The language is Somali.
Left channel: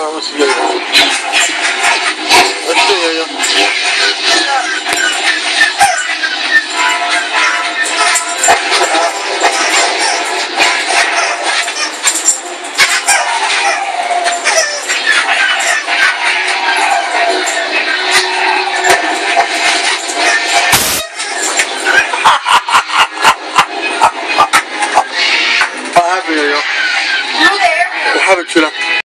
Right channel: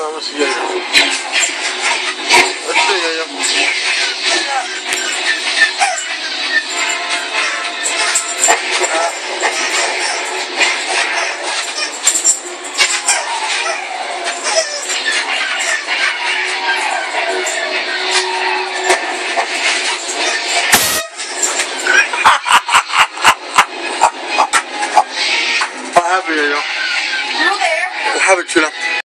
vamos a Yoyo. Let's do Yoyo. What happened, Yoyo? You there? What happened, Chula?